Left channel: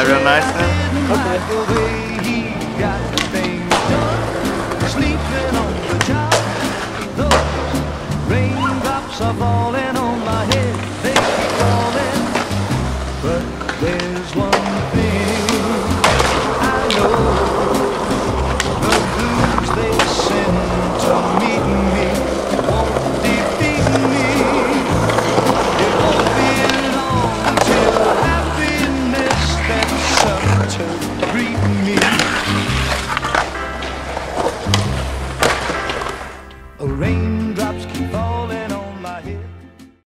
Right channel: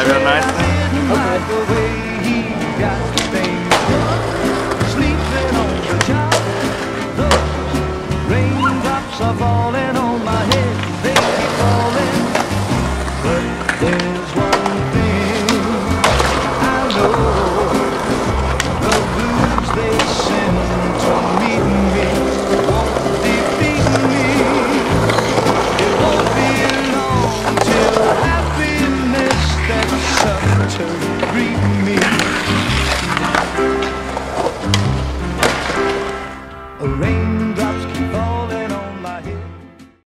outside real nice then? Okay. Are falling on my head, they keep falling. But there's one thing I know: the blues they send to meet me won't defeat me. It won't be long till happiness steps up to greet me.